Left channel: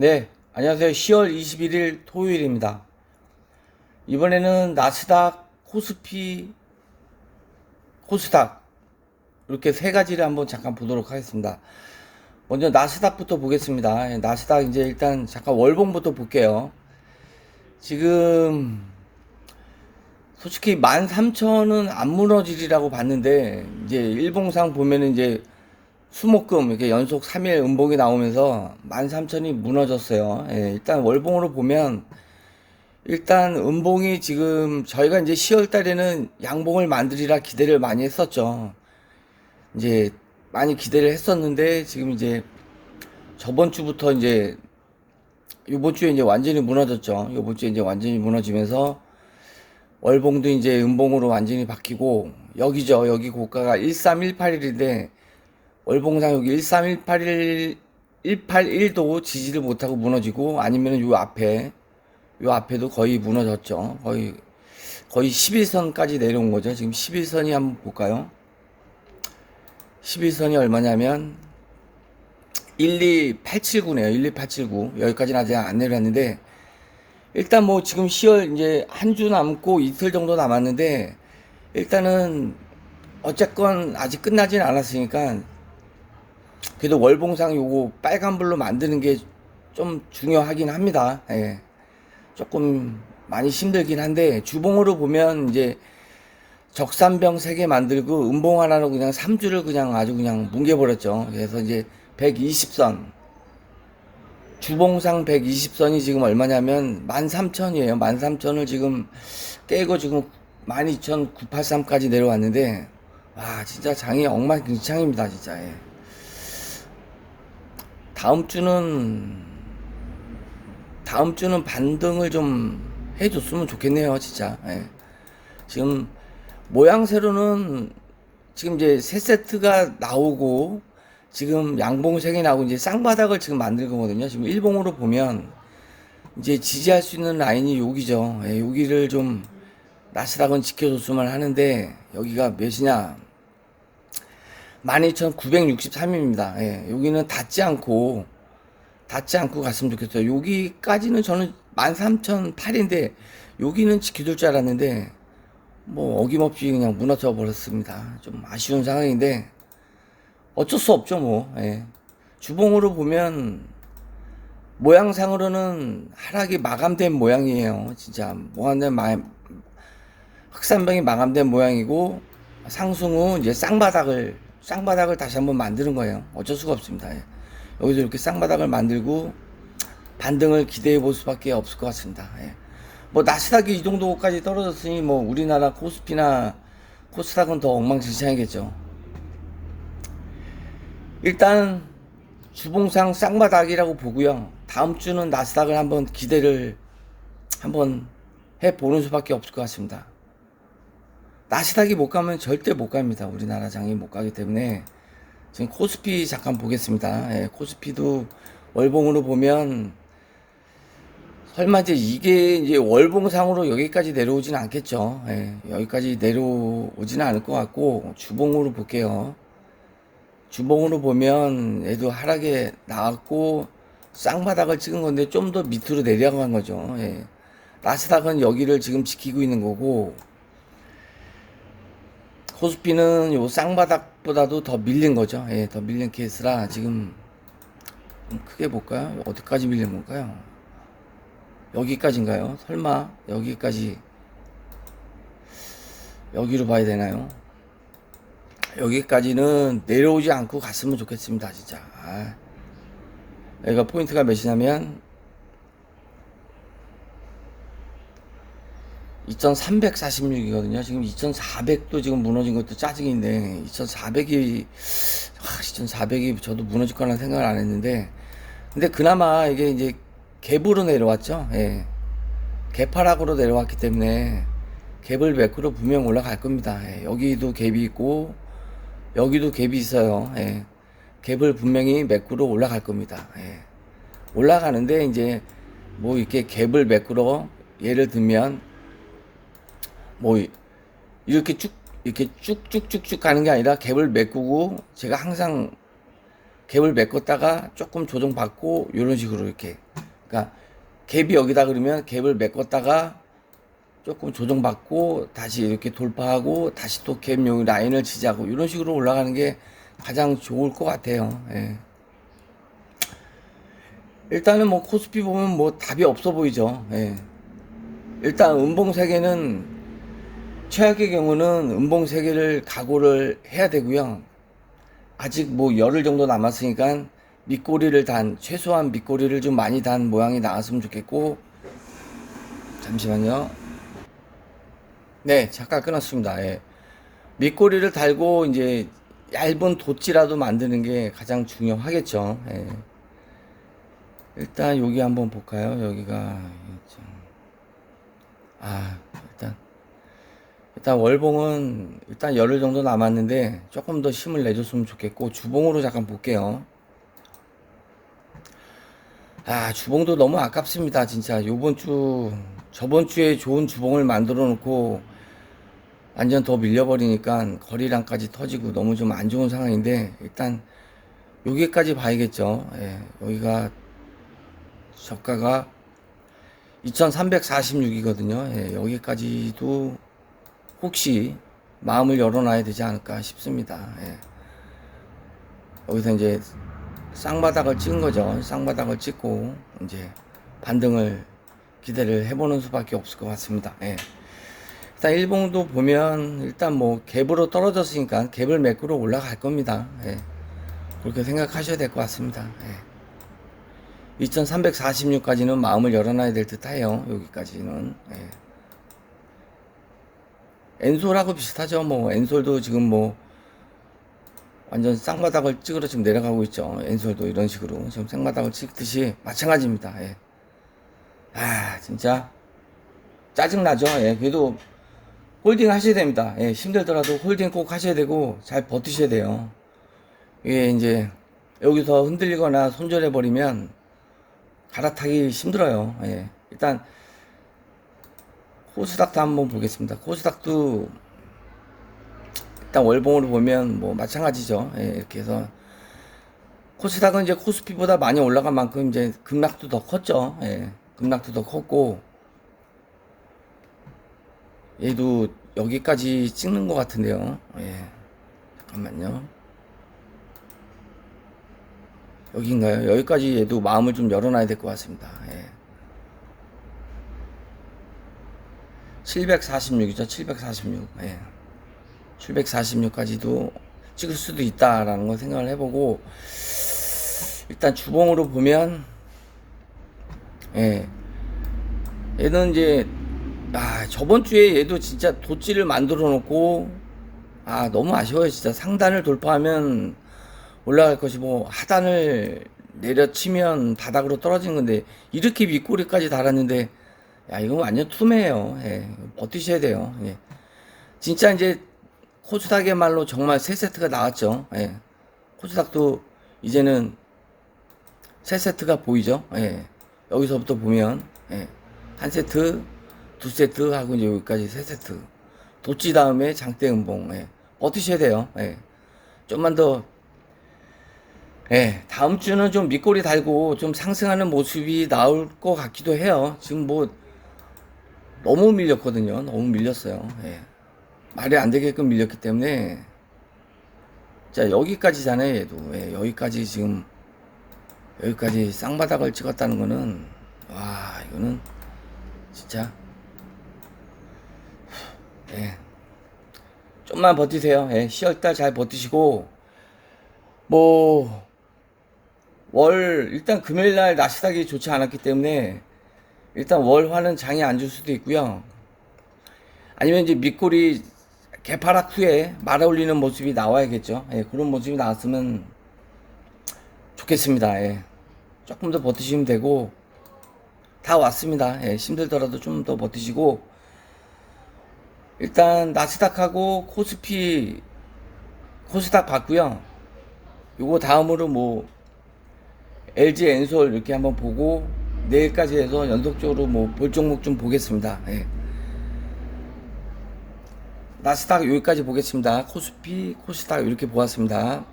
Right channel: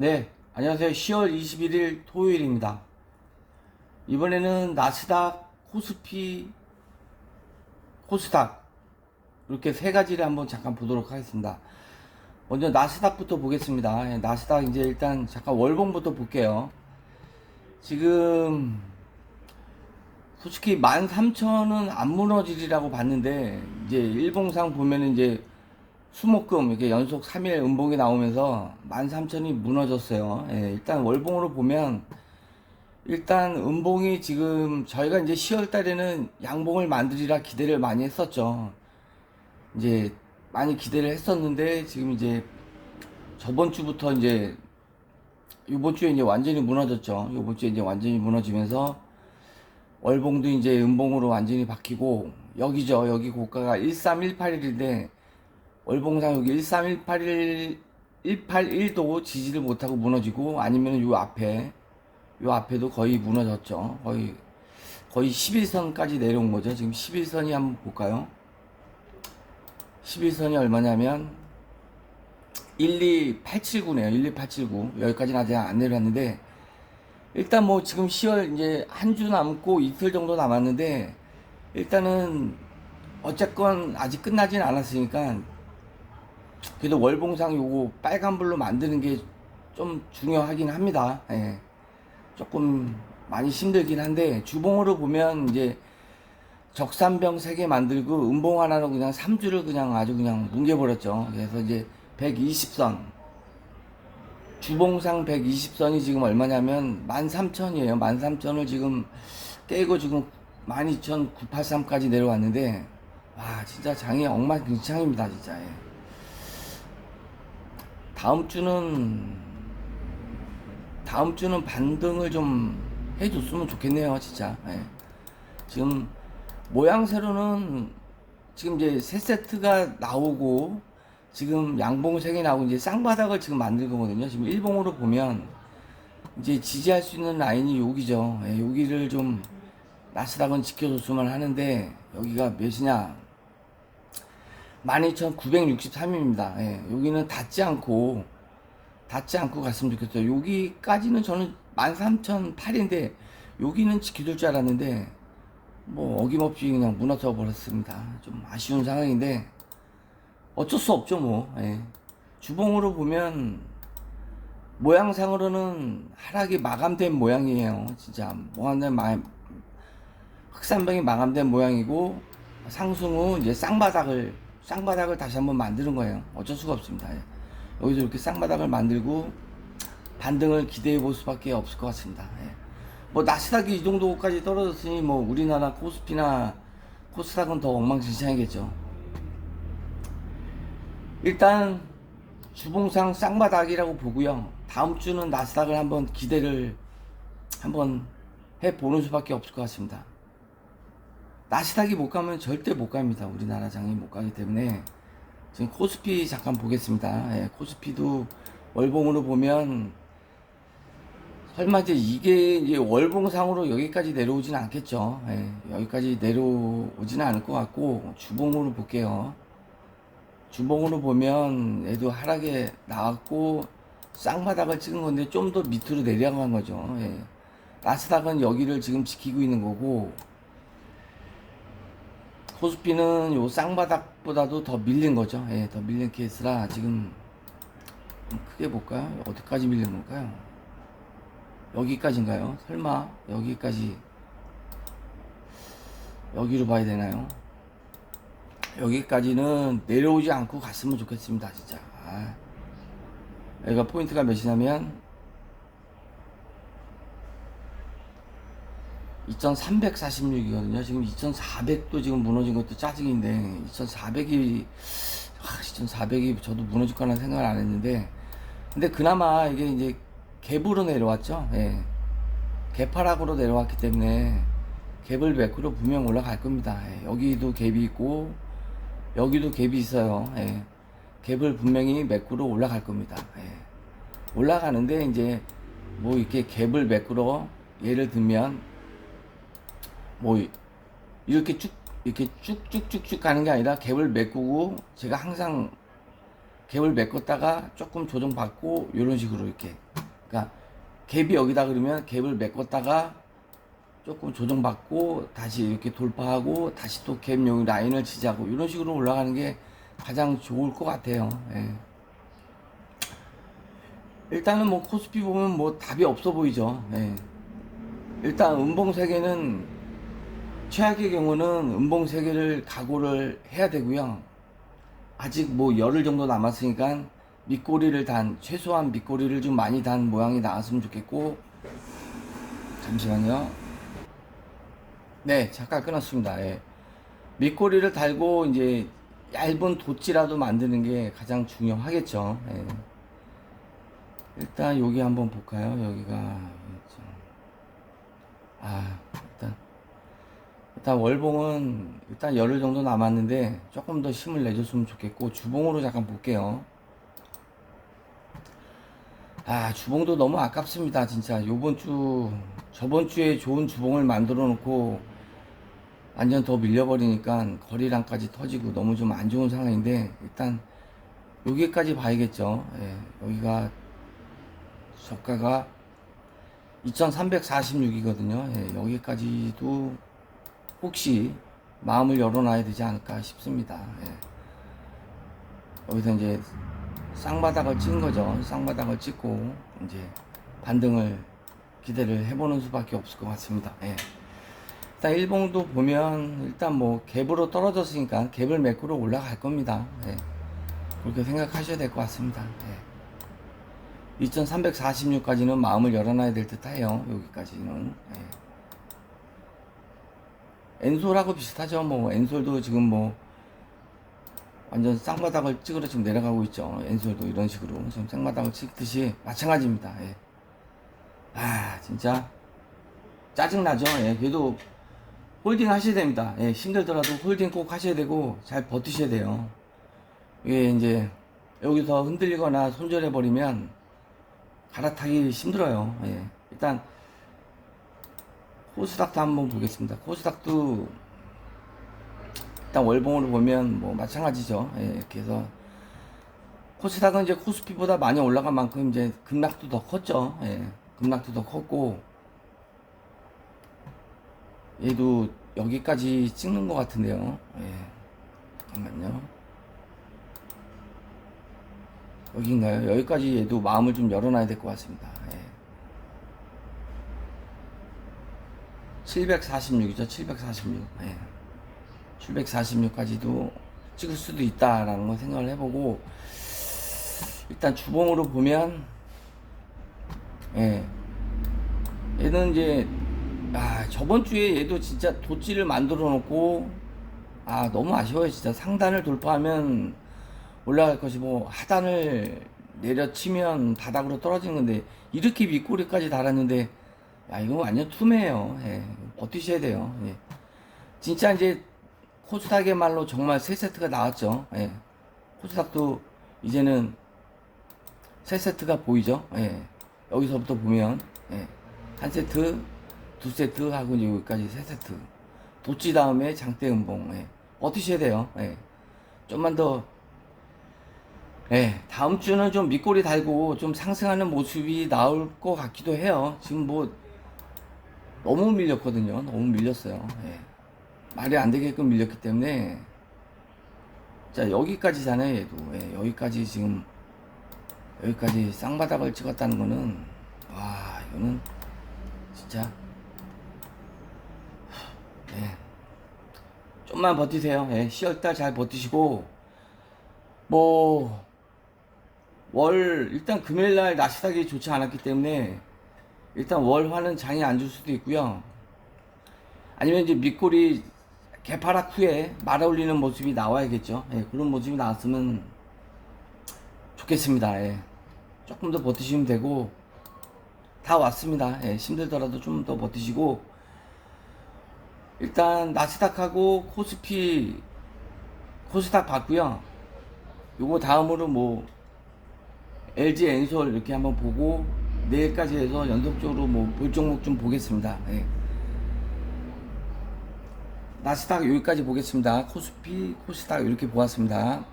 네, 안녕하세요. 10월 21일 토요일입니다. 이번에는 나스닥, 코스피, 코스닥 이렇게 세 가지를 한번 잠깐 보도록 하겠습니다. 먼저 나스닥부터 보겠습니다. 예, 나스닥 이제 일단 잠깐 월봉부터 볼게요. 지금 솔직히 13,000은 안 무너지리라고 봤는데 이제 일봉상 보면은 이제 수목금 이렇게 연속 3일 음봉이 나오면서 13,000이 무너졌어요. 예, 일단 월봉으로 보면 일단 음봉이 지금 저희가 이제 10월 달에는 양봉을 만들이라 기대를 많이 했었죠. 이제 많이 기대를 했었는데 지금 이제 저번 주부터 이제 이번 주에 이제 완전히 무너졌죠. 이번 주에 이제 완전히 무너지면서 월봉도 이제 음봉으로 완전히 바뀌고 여기죠. 여기 고가가 1318일인데 월봉상 여기 1318일 181도 지지를 못하고 무너지고 아니면 요 앞에 요 앞에도 거의 무너졌죠. 거의 거의 11선까지 내려온 거죠. 지금 11선이 한번 볼까요? 11선이 얼마냐면 12879네요. 12879 여기까지는 아직 안 내려왔는데 일단 뭐 지금 10월 이제 한 주 남고 이틀 정도 남았는데 일단은 어쨌건 아직 끝나진 않았으니까 그래도 월봉상 요거 빨간불로 만드는 게 좀 중요하긴 합니다. 예. 조금 많이 힘들긴 한데 주봉으로 보면 이제 적산병 3개 만들고 음봉 하나로 그냥 3주를 그냥 아주 그냥 뭉개버렸죠. 그래서 이제 120선 주봉상 120선이 지금 얼마냐면 13,000이에요. 13,000을 지금 깨고 지금 12,983까지 내려왔는데 와 진짜 장이 엉망진창입니다 진짜 예. 다음 주는 다음 주는 반등을 좀 해줬으면 좋겠네요 진짜 예. 지금 모양새로는 지금 이제 세 세트가 나오고 지금 양봉 색이 나오고 이제 쌍바닥을 지금 만들 거거든요. 지금 일봉으로 보면 이제 지지할 수 있는 라인이 여기죠. 예, 여기를 좀 나스닥은 지켜줬으면 하는데 여기가 몇이냐? 12,963입니다. 예, 여기는 닿지 않고 닿지 않고 갔으면 좋겠어요. 여기까지는 저는 13,008인데 여기는 지켜줄 줄 알았는데 뭐 어김없이 그냥 무너져 버렸습니다. 좀 아쉬운 상황인데 어쩔 수 없죠 뭐. 예. 주봉으로 보면 모양상으로는 하락이 마감된 모양이에요. 진짜 뭐하는 마 흑산병이 마감된 모양이고 상승 후 이제 쌍바닥을 쌍바닥을 다시 한번 만드는 거예요. 어쩔 수가 없습니다. 예. 여기서 이렇게 쌍바닥을 만들고 반등을 기대해 볼 수밖에 없을 것 같습니다. 예. 뭐 나스닥이 이 정도까지 떨어졌으니 뭐 우리나라 코스피나 코스닥은 더 엉망진창이겠죠. 일단 주봉상 쌍바닥이라고 보고요. 다음 주는 나스닥을 한번 기대를 한번 해 보는 수밖에 없을 것 같습니다. 나스닥이 못 가면 절대 못 갑니다. 우리나라 장이 못 가기 때문에 지금 코스피 잠깐 보겠습니다. 예, 코스피도 월봉으로 보면 설마 이제 이게 이제 월봉상으로 여기까지 내려오진 않겠죠. 예, 여기까지 내려오지는 않을 것 같고 주봉으로 볼게요. 주봉으로 보면 얘도 하락에 나왔고 쌍바닥을 찍은 건데 좀 더 밑으로 내려간 거죠. 예. 나스닥은 여기를 지금 지키고 있는 거고 코스피는 요 쌍바닥보다도 더 밀린 거죠. 예, 더 밀린 케이스라 지금 좀 크게 볼까요? 어디까지 밀린 건가요? 여기까지인가요? 설마 여기까지 여기로 봐야 되나요? 여기까지는 내려오지 않고 갔으면 좋겠습니다, 진짜. 아, 여기가 포인트가 몇이냐면 2346이거든요. 지금 2400도 지금 무너진 것도 짜증인데 2400이 2400이 저도 무너질 거라는 생각을 안 했는데 근데 그나마 이게 이제 갭으로 내려왔죠. 예. 개파락으로 내려왔기 때문에 갭을 매크로 분명 올라갈 겁니다. 예. 여기도 갭이 있고 여기도 갭이 있어요. 예. 갭을 분명히 매크로 올라갈 겁니다. 예. 올라가는데 이제 뭐 이렇게 갭을 매크로 예를 들면 뭐 이렇게 쭉 이렇게 쭉쭉쭉쭉 가는 게 아니라 갭을 메꾸고 제가 항상 갭을 메꿨다가 조금 조정받고 이런 식으로 이렇게 그러니까 갭이 여기다 그러면 갭을 메꿨다가 조금 조정받고 다시 이렇게 돌파하고 다시 또갭 여기 라인을 지지하고 이런 식으로 올라가는 게 가장 좋을 것 같아요. 예. 일단은 뭐 코스피 보면 뭐 답이 없어 보이죠. 예. 일단 음봉 세계는 최악의 경우는 음봉 세계를 각오를 해야 되고요. 아직 뭐 열흘 정도 남았으니까 밑꼬리를 단 최소한 밑꼬리를 좀 많이 단 모양이 나왔으면 좋겠고 잠시만요. 네, 잠깐 끊었습니다. 예. 밑꼬리를 달고 이제 얇은 돛지라도 만드는 게 가장 중요하겠죠. 예. 일단 여기 한번 볼까요? 여기가. 아 일단 월봉은 일단 열흘 정도 남았는데 조금 더 힘을 내줬으면 좋겠고 주봉으로 잠깐 볼게요. 아 주봉도 너무 아깝습니다 진짜. 요번 주 저번 주에 좋은 주봉을 만들어 놓고 완전 더 밀려버리니까 거리량까지 터지고 너무 좀 안 좋은 상황인데 일단 여기까지 봐야겠죠. 예, 여기가 저가가 2346이거든요. 예, 여기까지도 혹시 마음을 열어놔야 되지 않을까 싶습니다 예. 여기서 이제 쌍바닥을 찍은 거죠. 쌍바닥을 찍고 이제 반등을 기대를 해보는 수밖에 없을 것 같습니다. 예. 일단 일봉도 보면 일단 뭐 갭으로 떨어졌으니까 갭을 메꾸러 올라갈 겁니다. 예. 그렇게 생각하셔야 될 것 같습니다. 예. 2346까지는 마음을 열어놔야 될 듯 해요. 여기까지는. 예. 엔솔하고 비슷하죠. 뭐 엔솔도 지금 뭐 완전 쌍바닥을 찍으러 지금 내려가고 있죠. 엔솔도 이런 식으로 지금 쌍바닥을 찍듯이 마찬가지입니다. 예. 아 진짜 짜증 나죠. 예. 그래도 홀딩 하셔야 됩니다. 예. 힘들더라도 홀딩 꼭 하셔야 되고 잘 버티셔야 돼요. 이게 이제 여기서 흔들리거나 손절해 버리면 갈아타기 힘들어요. 예. 일단 코스닥도 한번 보겠습니다. 코스닥도 일단 월봉으로 보면 뭐 마찬가지죠. 예, 이렇게 해서 코스닥은 이제 코스피보다 많이 올라간 만큼 이제 급락도 더 컸죠. 예, 급락도 더 컸고 얘도 여기까지 찍는 것 같은데요. 예, 잠깐만요. 여기인가요? 여기까지 얘도 마음을 좀 열어놔야 될 것 같습니다. 예. 746이죠. 746. 예. 746까지도 찍을 수도 있다라는 걸 생각을 해보고 일단 주봉으로 보면 예 얘는 이제 아 저번 주에 얘도 진짜 도찌를 만들어 놓고 아 너무 아쉬워요 진짜 상단을 돌파하면 올라갈 것이고 뭐 하단을 내려치면 바닥으로 떨어진 건데 이렇게 윗꼬리까지 달았는데 야 이거 완전 투매예요 예, 버티셔야 돼요 예. 진짜 이제 코스닥의 말로 정말 세 세트가 나왔죠. 예. 코스닥도 이제는 세 세트가 보이죠. 예. 여기서부터 보면 예. 한 세트, 두 세트 하고 이제 여기까지 세 세트. 도치 다음에 장대 음봉. 예. 버티셔야 돼요. 예. 좀만 더 예, 다음 주는 좀 밑꼬리 달고 좀 상승하는 모습이 나올 것 같기도 해요. 지금 뭐 너무 밀렸거든요. 너무 밀렸어요. 예. 말이 안 되게끔 밀렸기 때문에 자 여기까지잖아요 얘도 예, 여기까지 지금 여기까지 쌍바닥을 찍었다는 거는 와 이거는 진짜 예 좀만 버티세요 예 10월달 잘 버티시고 뭐 월 일단 금요일날 나스닥이 좋지 않았기 때문에 일단 월화는 장이 안줄 수도 있고요 아니면 이제 밑골이 개파락 후에 말아 올리는 모습이 나와야겠죠. 예, 그런 모습이 나왔으면 좋겠습니다. 예. 조금 더 버티시면 되고 다 왔습니다. 예, 힘들더라도 좀 더 버티시고 일단 나스닥하고 코스피 코스닥 봤고요. 요거 다음으로 뭐 LG 엔솔 이렇게 한번 보고 내일까지 해서 연속적으로 뭐 볼 종목 좀 보겠습니다. 예. 나스닥 여기까지 보겠습니다. 코스피, 코스닥 이렇게 보았습니다.